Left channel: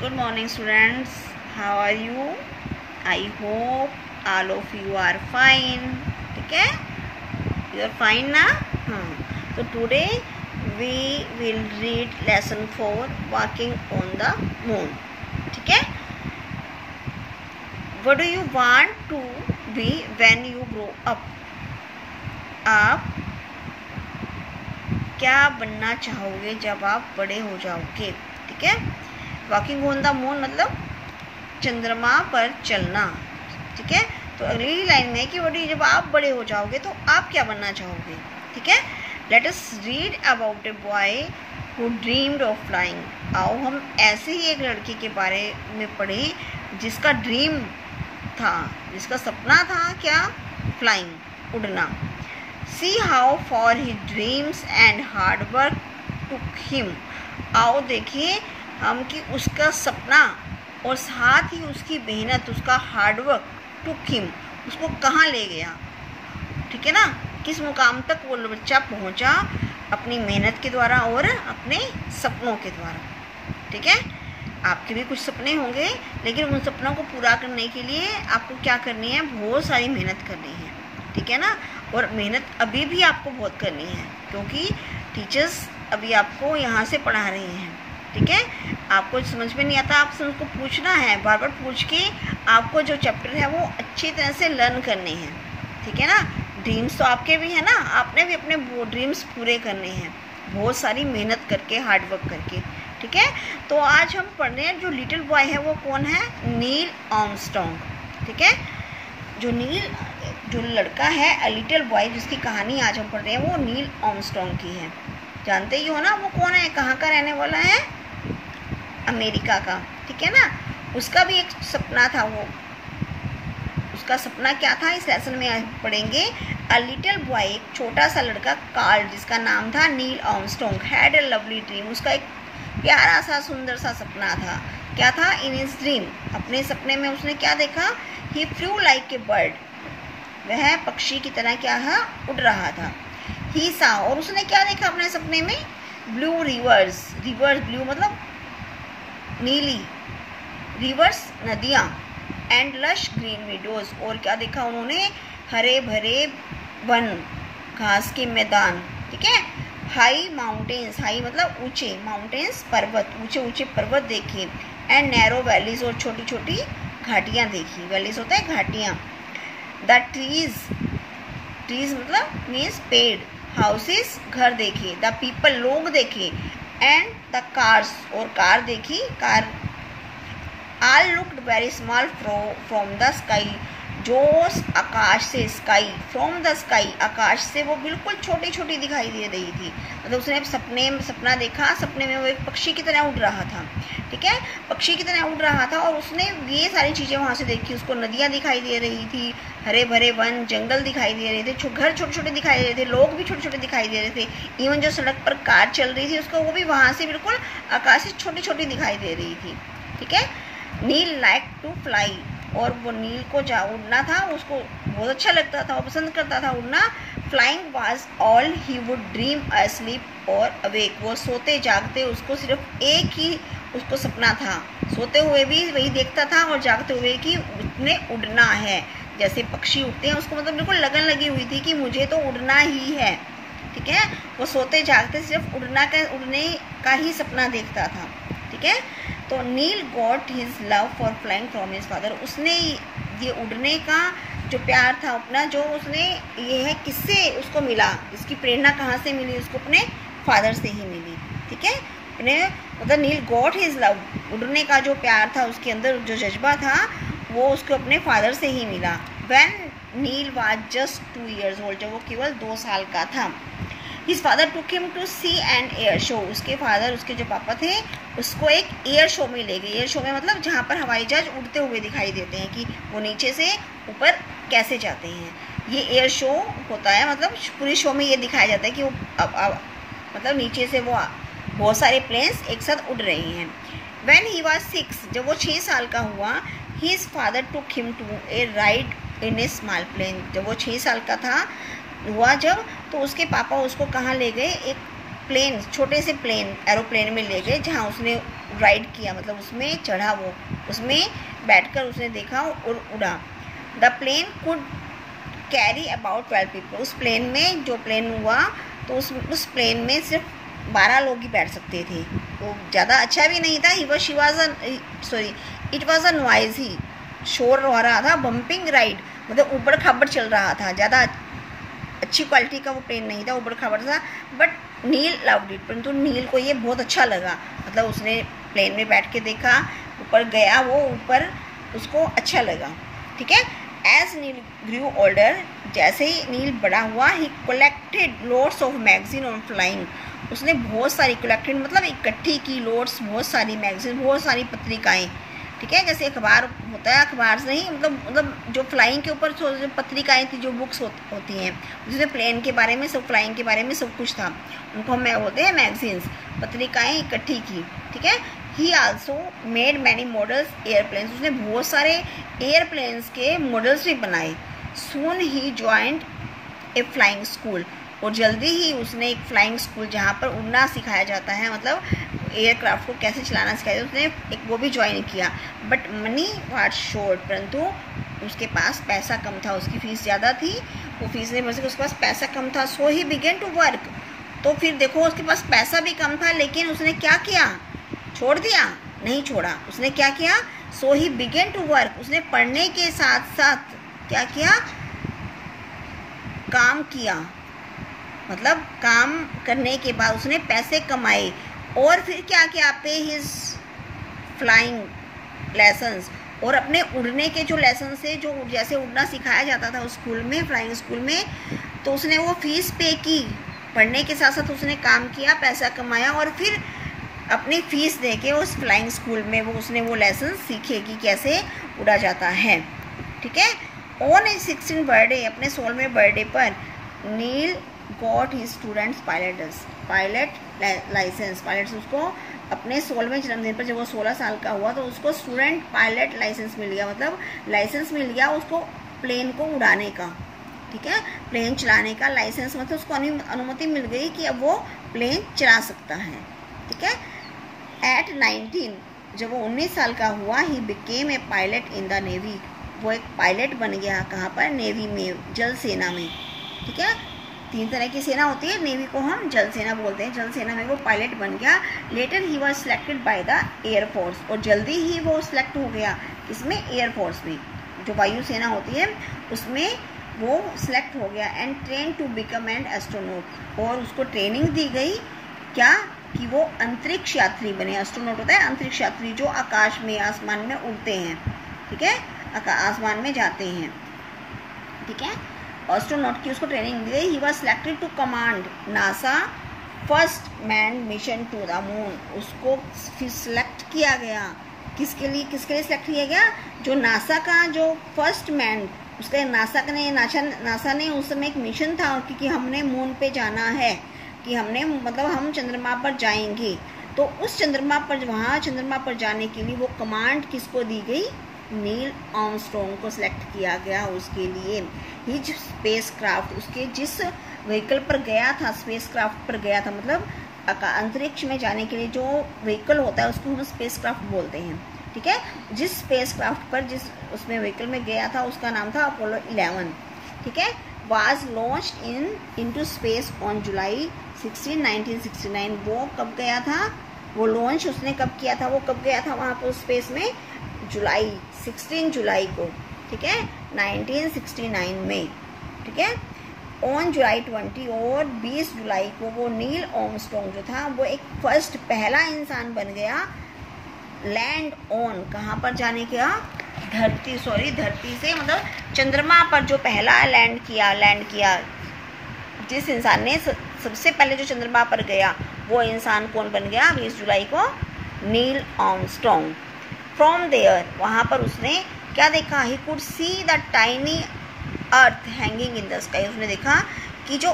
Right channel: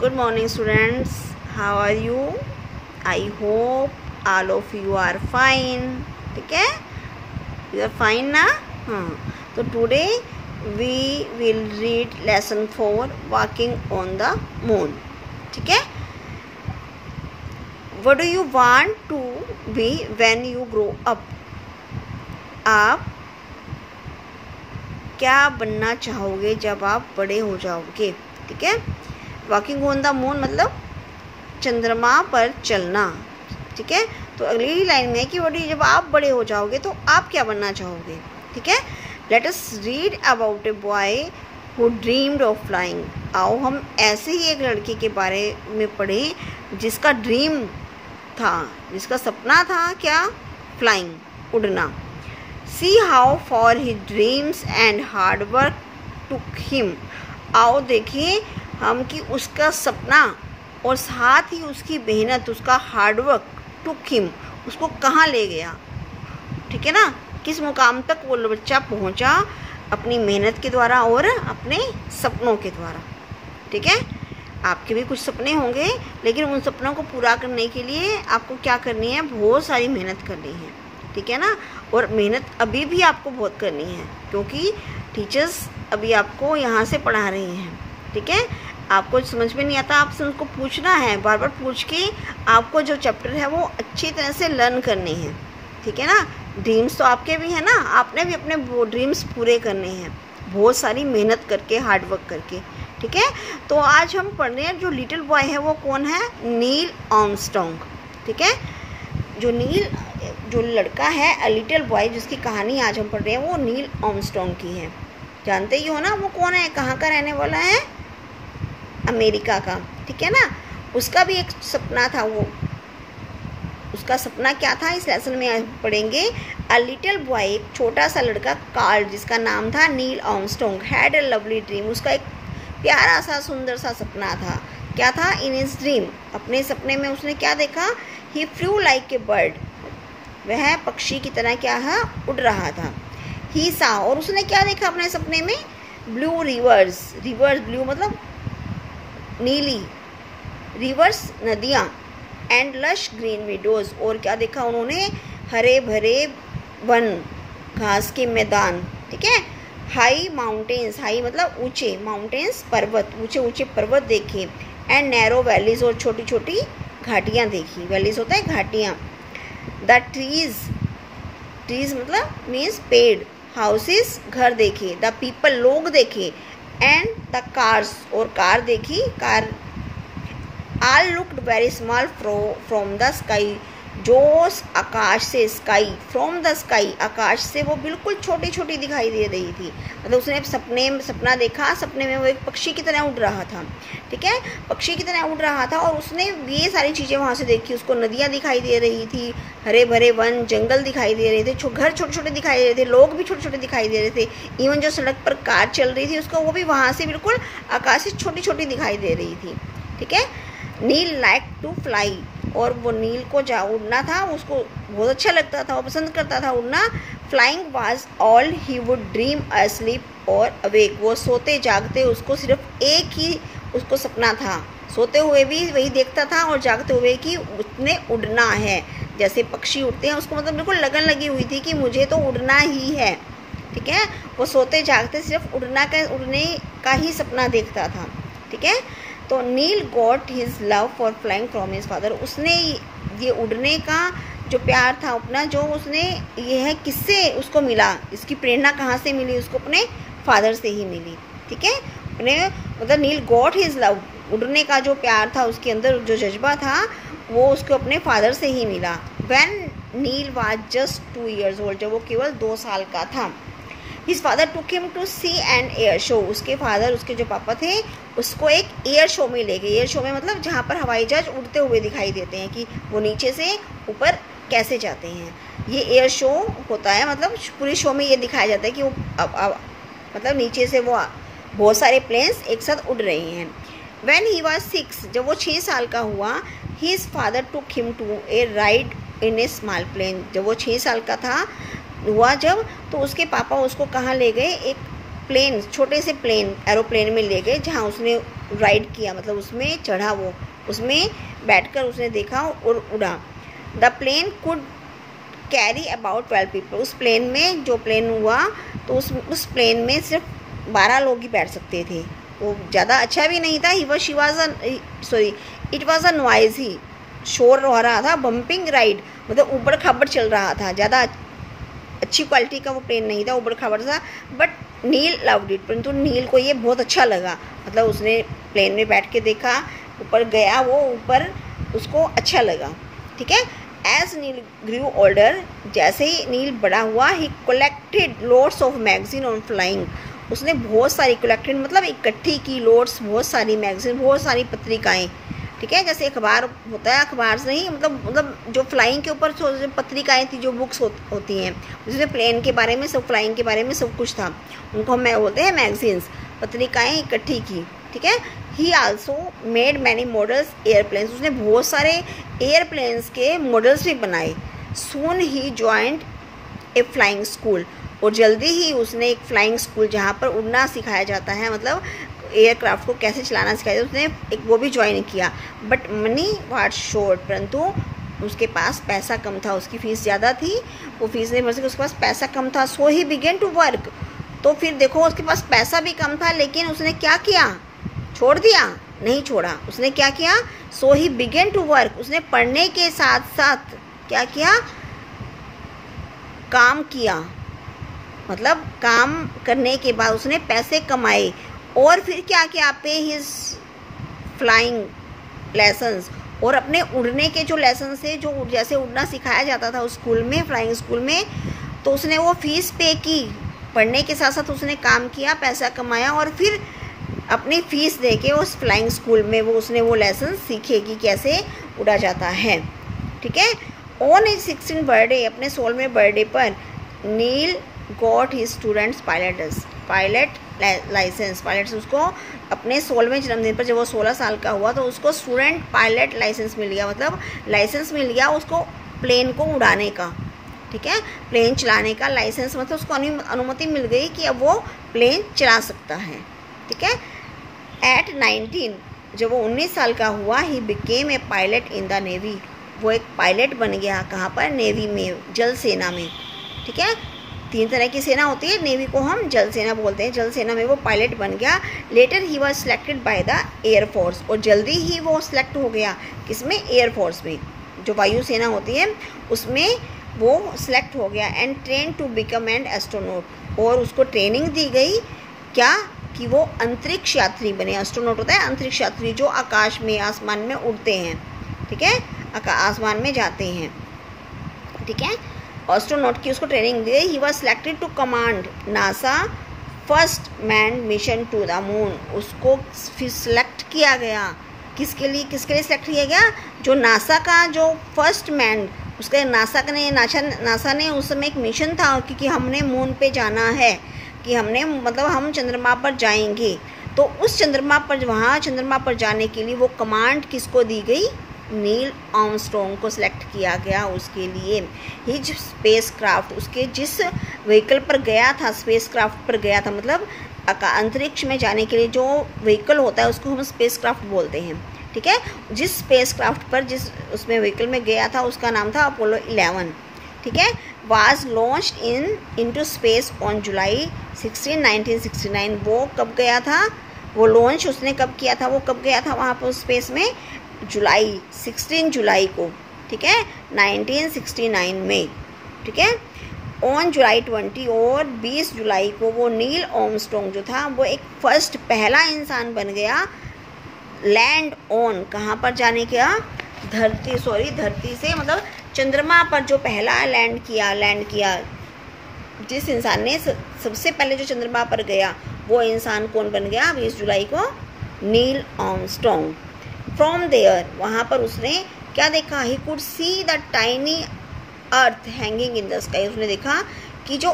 Good morning students, how are you? I hope all of you are fine. ठीक है, you are fine ना? So today we will read lesson 4 walking on the moon. ठीक है, what do you want to be when you grow up? आप क्या बनना चाहोगे जब आप बड़े हो जाओगे? ठीक है, वॉकिंग ऑन द मून मतलब चंद्रमा पर चलना। ठीक है, तो अगली लाइन में कि वही जब आप बड़े हो जाओगे तो आप क्या बनना चाहोगे? ठीक है, let us read about a boy who dreamed of flying. आओ हम ऐसे ही एक लड़के के बारे में पढ़ें जिसका ड्रीम था, जिसका सपना था क्या? फ्लाइंग, उड़ना। See how far his dreams and hard work took him. आओ देखिए हम कि उसका सपना और साथ ही उसकी मेहनत, उसका हार्ड वर्क took him, उसको कहाँ ले गया। ठीक है ना, किस मुकाम तक वो बच्चा पहुँचा अपनी मेहनत के द्वारा और अपने सपनों के द्वारा। ठीक है, आपके भी कुछ सपने होंगे, लेकिन उन सपनों को पूरा करने के लिए आपको क्या करनी है? बहुत सारी मेहनत करनी है। ठीक है ना, और मेहनत अभी भी आपको बहुत करनी है क्योंकि टीचर्स अभी आपको यहाँ से पढ़ा रही हैं। ठीक है, आपको समझ में नहीं आता, आपसे उनको पूछना है, बार बार पूछ के आपको जो चैप्टर है वो अच्छी तरह से लर्न करने हैं। ठीक है ना, ड्रीम्स तो आपके भी है ना, आपने भी अपने वो ड्रीम्स पूरे करने हैं बहुत सारी मेहनत करके, हार्ड वर्क करके। ठीक है, तो आज हम पढ़ रहे हैं जो लिटिल बॉय है वो कौन है? Neil Armstrong. ठीक है, जो लड़का है अ लिटिल बॉय जिसकी कहानी आज हम पढ़ रहे हैं वो नील आर्मस्ट्रांग की है। जानते ही हो ना वो कौन है, कहाँ का रहने वाला है? अमेरिका का। ठीक है ना, उसका भी एक सपना था, वो उसका सपना क्या था इस लेसन में आज पढ़ेंगे। अ लिटिल बॉय, एक छोटा सा लड़का कार्ल जिसका नाम था Neil Armstrong, had a lovely dream. उसका एक प्यारा सा सुंदर सा सपना था। क्या था? इन हिज ड्रीम, अपने सपने में उसने क्या देखा? ही फ्लू लाइक ए बर्ड, वह पक्षी की तरह क्या है? उड़ रहा था। ही सा, और उसने क्या देखा अपने सपने में? ब्लू रिवर्स, रिवर्स ब्लू मतलब नीली, रिवर्स नदियाँ, एंड लश ग्रीन विडोज, और क्या देखा उन्होंने? हरे भरे वन, घास के मैदान। ठीक है, हाई माउंटेन्स, हाई मतलब ऊंचे, माउंटेन्स पर्वत, ऊंचे ऊंचे पर्वत देखे, एंड नैरो वैलीज, और छोटी छोटी घाटियाँ देखी। वैलीज होता है घाटियाँ। द ट्रीज, ट्रीज मतलब मीन्स पेड़, हाउसेस घर देखे, द पीपल लोग देखे, एंड द कार्स, और कार देखी, car. All looked very small from the sky, जो आकाश से, स्काई फ्रॉम द स्काई, आकाश से वो बिल्कुल छोटी छोटी दिखाई दे रही थी। मतलब उसने सपना देखा, सपने में वो एक पक्षी की तरह उड़ रहा था। ठीक है, पक्षी की तरह उड़ रहा था और उसने ये सारी चीज़ें वहाँ से देखी। उसको नदियाँ दिखाई दे रही थी, हरे भरे वन, जंगल दिखाई दे रहे थे, घर छोटे छोटे दिखाई दे रहे थे, लोग भी छोटे छोटे दिखाई दे रहे थे। इवन जो सड़क पर कार चल रही थी उसको वो भी वहाँ से बिल्कुल आकाश से छोटी छोटी दिखाई दे रही थी। ठीक है, नील लाइक टू फ्लाई, और वो नील को उड़ना था, उसको बहुत अच्छा लगता था, वो पसंद करता था उड़ना। Flying was all he would dream asleep और अवेक, वो सोते जागते उसको सिर्फ एक ही उसको सपना था, सोते हुए भी वही देखता था और जागते हुए कि उसने उड़ना है। जैसे पक्षी उड़ते हैं उसको मतलब बिल्कुल लगन लगी हुई थी कि मुझे तो उड़ना ही है। ठीक है, वो सोते जागते सिर्फ उड़ने का ही सपना देखता था। ठीक है, तो Neil got his love for flying from his father, उसने ये उड़ने का जो प्यार था अपना, जो उसने ये है किससे उसको मिला, इसकी प्रेरणा कहाँ से मिली? उसको अपने फादर से ही मिली। ठीक है, अपने मतलब नील गॉट हिज लव, उड़ने का जो प्यार था उसके अंदर, जो जज्बा था वो उसको अपने फादर से ही मिला। When Neil was just 2 years old, जब वो केवल 2 साल का था। His father took him to see an air show, उसके फादर, उसके जो पापा थे, उसको एक एयर शो में ले गए। एयर शो में मतलब जहाँ पर हवाई जहाज उड़ते हुए दिखाई देते हैं कि वो नीचे से ऊपर कैसे जाते हैं, ये एयर शो होता है। मतलब पूरी शो में ये दिखाया जाता है कि वो मतलब नीचे से वो बहुत सारे प्लेन्स एक साथ उड़ रही हैं। When he was 6, जब वो 6 साल का हुआ, his father took him to a ride in a small plane, जब वो 6 साल का था हुआ जब, तो उसके पापा उसको कहाँ ले गए? एक प्लेन, छोटे से प्लेन, एरोप्लेन में ले गए, जहाँ उसने राइड किया, मतलब उसमें चढ़ा, वो उसमें बैठकर उसने देखा और उड़ा। The plane could carry about 12 people. उस प्लेन में, जो प्लेन हुआ तो उस प्लेन में सिर्फ 12 लोग ही बैठ सकते थे। वो ज़्यादा अच्छा भी नहीं था। इट वॉज अ नॉइजी, शोर हो रहा था। बम्पिंग राइड, मतलब ऊबड़ खाबड़ चल रहा था, ज़्यादा अच्छी क्वालिटी का वो प्लेन नहीं था, ऊबड़ खाबड़ था। बट नील लव्ड इट, परंतु नील को ये बहुत अच्छा लगा, मतलब उसने प्लेन में बैठ के देखा, ऊपर गया, वो ऊपर उसको अच्छा लगा। ठीक है। एज नील ग्रू ओल्डर, जैसे ही नील बड़ा हुआ, ही collected loads of magazine on flying. उसने बहुत सारी कलेक्टेड मतलब इकट्ठी की, लोड्स बहुत सारी मैगजीन, बहुत सारी पत्रिकाएं। ठीक है, जैसे अखबार होता है, अखबार से नहीं, मतलब जो फ्लाइंग के ऊपर जो पत्रिकाएं थी, जो बुक्स होती हैं, जिसमें प्लेन के बारे में सब, फ्लाइंग के बारे में सब कुछ था, उनको हम बोलते हैं मैगजीन्स। पत्रिकाएं इकट्ठी की। ठीक है। ही also made many models airplanes. उसने बहुत सारे एयरप्लेन्स के मॉडल्स भी बनाए। सून ही ज्वाइंट ए फ्लाइंग स्कूल, और जल्दी ही उसने एक फ्लाइंग स्कूल जहाँ पर उड़ना सिखाया जाता है, मतलब एयरक्राफ्ट को कैसे चलाना सिखाया जाता है, उसने एक वो भी ज्वाइन किया। बट मनी वाज शॉर्ट, परंतु उसके पास पैसा कम था, उसकी फ़ीस ज़्यादा थी, वो फीस नहीं भर सकी, उसके पास पैसा कम था। सो ही बिगेन टू वर्क। तो फिर देखो, उसके पास पैसा भी कम था, लेकिन उसने क्या किया? छोड़ दिया? नहीं छोड़ा। उसने क्या किया? सो ही बिगेन टू वर्क। उसने पढ़ने के साथ साथ क्या किया? काम किया, मतलब काम करने के बाद उसने पैसे कमाए। और फिर क्या किया? पे हिज फ्लाइंग लेसन्स, और अपने उड़ने के जो लेसन थे, जो जैसे उड़ना सिखाया जाता था उस स्कूल में, फ्लाइंग स्कूल में, तो उसने वो फीस पे की। पढ़ने के साथ साथ उसने काम किया, पैसा कमाया, और फिर अपनी फीस दे के उस फ्लाइंग स्कूल में उसने वो लेसन सीखे कि कैसे उड़ा जाता है। ठीक है। ऑन हिज 16th बर्थडे, अपने 16वें बर्थडे पर, Neil got his students pilot license. Pilot उसको अपने 16वें जन्मदिन पर, जब वो 16 साल का हुआ, तो उसको स्टूडेंट पायलट लाइसेंस मिल गया, मतलब लाइसेंस मिल गया उसको प्लेन को उड़ाने का। ठीक है। प्लेन चलाने का लाइसेंस, मतलब उसको अनुमति मिल गई कि अब वो प्लेन चला सकता है। ठीक है। एट 19, जब वो 19 साल का हुआ, he became a pilot in the navy. वो एक पायलट बन गया। कहाँ पर? नेवी में, जल सेना में। ठीक है। 3 तरह की सेना होती है, नेवी को हम जल सेना बोलते हैं। जल सेना में वो पायलट बन गया। Later he was selected by the air force, और जल्दी ही वो सिलेक्ट हो गया। किसमें? एयरफोर्स में, जो वायु सेना होती है उसमें वो सिलेक्ट हो गया। And train to become an astronaut, और उसको ट्रेनिंग दी गई क्या? कि वो अंतरिक्ष यात्री बने। एस्ट्रोनॉट होता है अंतरिक्ष यात्री, जो आकाश में, आसमान में उड़ते हैं। ठीक है। आसमान में जाते हैं। ठीक है। एस्ट्रोनॉट की उसको ट्रेनिंग दी। He was selected to command NASA first man mission to the moon. उसको फिर सिलेक्ट किया गया। किसके लिए सिलेक्ट किया गया? जो नासा का जो फर्स्ट मैन, उसके नासा ने उस समय एक मिशन था, क्योंकि हमने मून पे जाना है, कि हमने मतलब हम चंद्रमा पर जाएंगे। तो उस चंद्रमा पर, वहाँ चंद्रमा पर जाने के लिए वो कमांड किसको दी गई? नील आर्मस्ट्रॉन्ग को सिलेक्ट किया गया उसके लिए। हिज स्पेस क्राफ्ट, उसके जिस व्हीकल पर गया था, स्पेस क्राफ्ट पर गया था, मतलब अंतरिक्ष में जाने के लिए जो व्हीकल होता है उसको हम स्पेस क्राफ्ट बोलते हैं। ठीक है। जिस स्पेस क्राफ्ट पर, जिस उसमें व्हीकल में गया था, उसका नाम था अपोलो 11। ठीक है। Was launched into space on July 16, 1969। वो कब गया था? वो लॉन्च उसने कब किया था? वो कब गया था वहाँ पर स्पेस में? 16 जुलाई को। ठीक है। 1969 में। ठीक है। ऑन जुलाई 20, और 20 जुलाई को वो नील आर्मस्ट्रॉन्ग जो था, वो एक पहला इंसान बन गया लैंड ऑन। कहाँ पर जाने का? धरती से, मतलब चंद्रमा पर जो पहला लैंड किया। जिस इंसान ने सबसे पहले जो चंद्रमा पर गया, वो इंसान कौन बन गया? 20 जुलाई को नील आर्मस्ट्रॉन्ग। फ्रॉम देयर, वहाँ पर उसने क्या देखा? He could see the tiny earth hanging in the sky. उसने देखा कि जो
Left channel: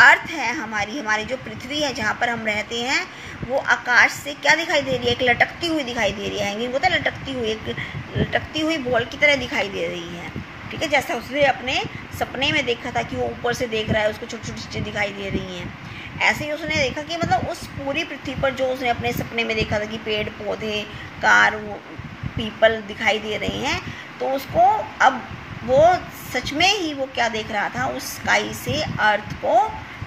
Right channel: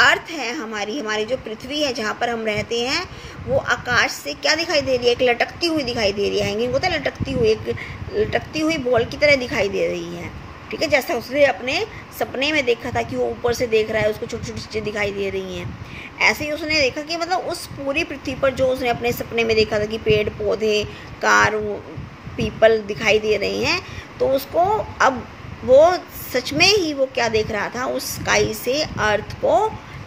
अर्थ है हमारी जो पृथ्वी है, जहाँ पर हम रहते हैं, वो आकाश से क्या दिखाई दे रही है? एक लटकती हुई दिखाई दे रही है। हैंगिंग होता है लटकती हुई, एक लटकती हुई बॉल की तरह दिखाई दे रही है। ठीक है, जैसा उसने अपने सपने में देखा था कि वो ऊपर से देख रहा है, उसको छोटी छोटी चीज़ें दिखाई दे रही हैं, ऐसे ही उसने देखा कि मतलब उस पूरी पृथ्वी पर जो उसने अपने सपने में देखा था कि पेड़ पौधे, कार, पीपल दिखाई दे रही हैं, तो उसको अब वो सच में ही वो क्या देख रहा था, उस स्काई से अर्थ को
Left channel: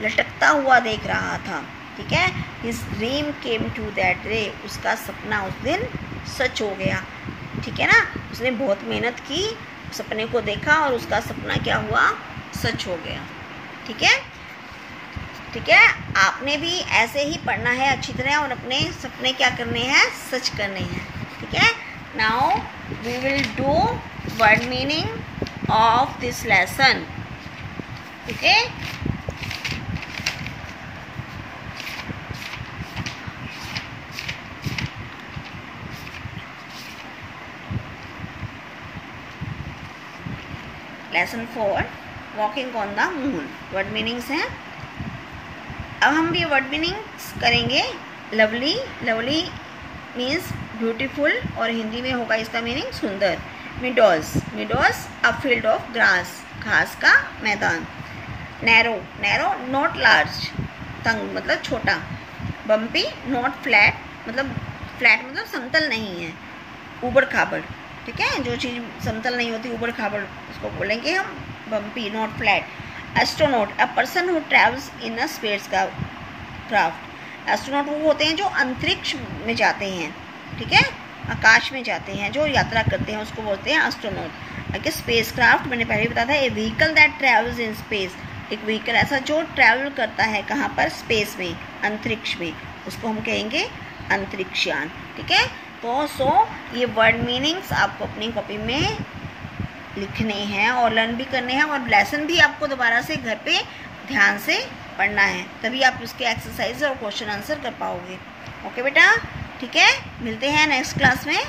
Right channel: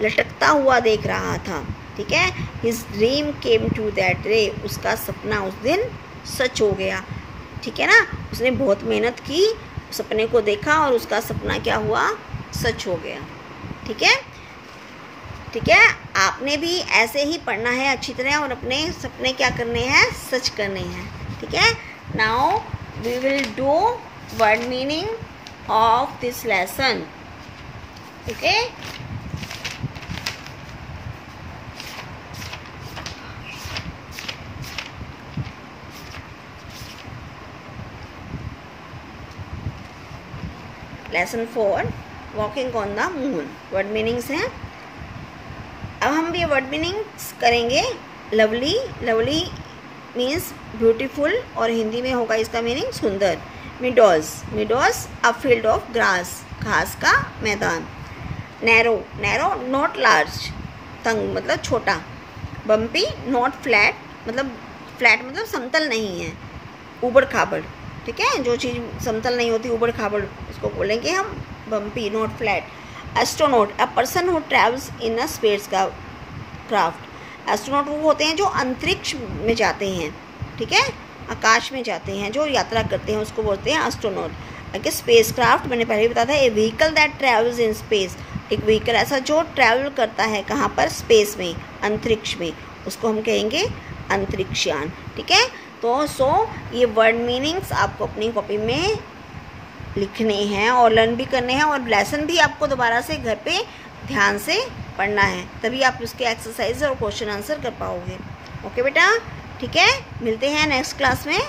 लटकता हुआ देख रहा था। ठीक है, his dream came to that day, उसका सपना उस दिन सच हो गया। ठीक है ना, उसने बहुत मेहनत की, सपने को देखा और उसका सपना क्या हुआ, सच हो गया। ठीक है, ठीक है, आपने भी ऐसे ही पढ़ना है अच्छी तरह और अपने सपने क्या करने हैं, सच करने हैं। ठीक है, now we will do word meaning of this lesson. Okay, lesson 4 walking on the moon. Word meanings हैं। अब हम ये वर्ड मीनिंग्स करेंगे। लवली, लवली मीन्स ब्यूटीफुल और हिंदी में होगा इसका मीनिंग सुंदर। Meadows, meadows a field of grass, घास का मैदान। नैरो, नैरो नॉट लार्ज, तंग मतलब छोटा। बम्पी नॉट फ्लैट, मतलब फ्लैट मतलब समतल नहीं है, ऊबड़ खाबड़। ठीक है, जो चीज़ समतल नहीं होती ऊबड़ खाबड़ उसको बोलेंगे हम bumpy, not flat. Astronaut a person who travels in a space का क्राफ्ट। एस्ट्रोनॉट वो होते हैं जो अंतरिक्ष में जाते हैं, ठीक है, आकाश में जाते हैं, जो यात्रा करते हैं, उसको बोलते हैं एस्ट्रोनॉट। अगर स्पेस क्राफ्ट मैंने पहले बताया था, a vehicle that travels in space, एक व्हीकल ऐसा जो ट्रैवल करता है कहाँ पर, स्पेस में, अंतरिक्ष में, उसको हम कहेंगे अंतरिक्षयान। ठीक है, तो ये वर्ड मीनिंग्स आपको अपनी कॉपी में लिखने हैं और लर्न भी करने हैं, और लेसन भी आपको दोबारा से घर पे ध्यान से पढ़ना है, तभी आप उसके एक्सरसाइज और क्वेश्चन आंसर कर पाओगे। ओके बेटा, ठीक है, मिलते हैं नेक्स्ट क्लास में।